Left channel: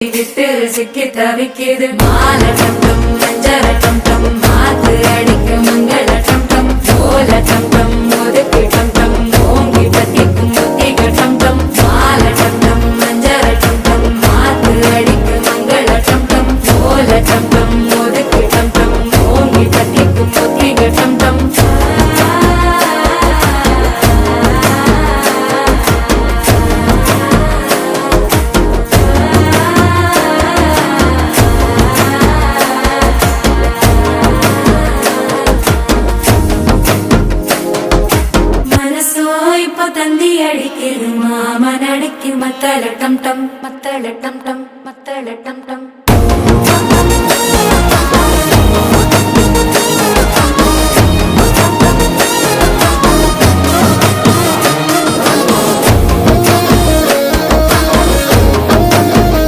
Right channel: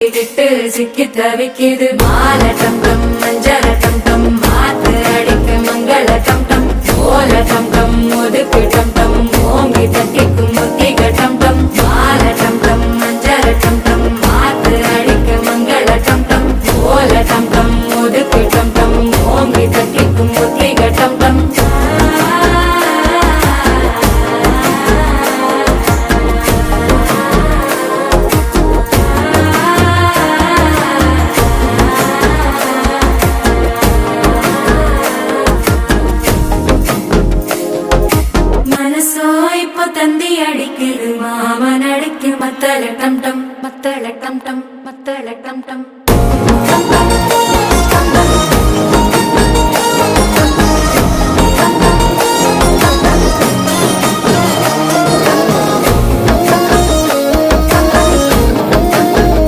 விட்டு சிக்கி தவிக்கிது மால டம் டம் மஞ்சள டம் டம் மாத்து அடிக்க மங்கள டம் டம் ஓல டம் டம் ஒதுக்கு டம் டம் ஓங்கி பத்திக்கும் புத்திக டம் டம் மால டம் டம் மஞ்சள டம் டம் மாத்து அடிக்க மங்கள டம் டம் ஓல டம் டம் ஒதுக்கு டம் டம் ஓங்கி பத்திக்கும் புத்திக டம் டம் தந்தி அடிக்கிது மாமன் அடிக்கு மத்தள டம் டம் மத்தள டம் டம் மத்தள டம் டம்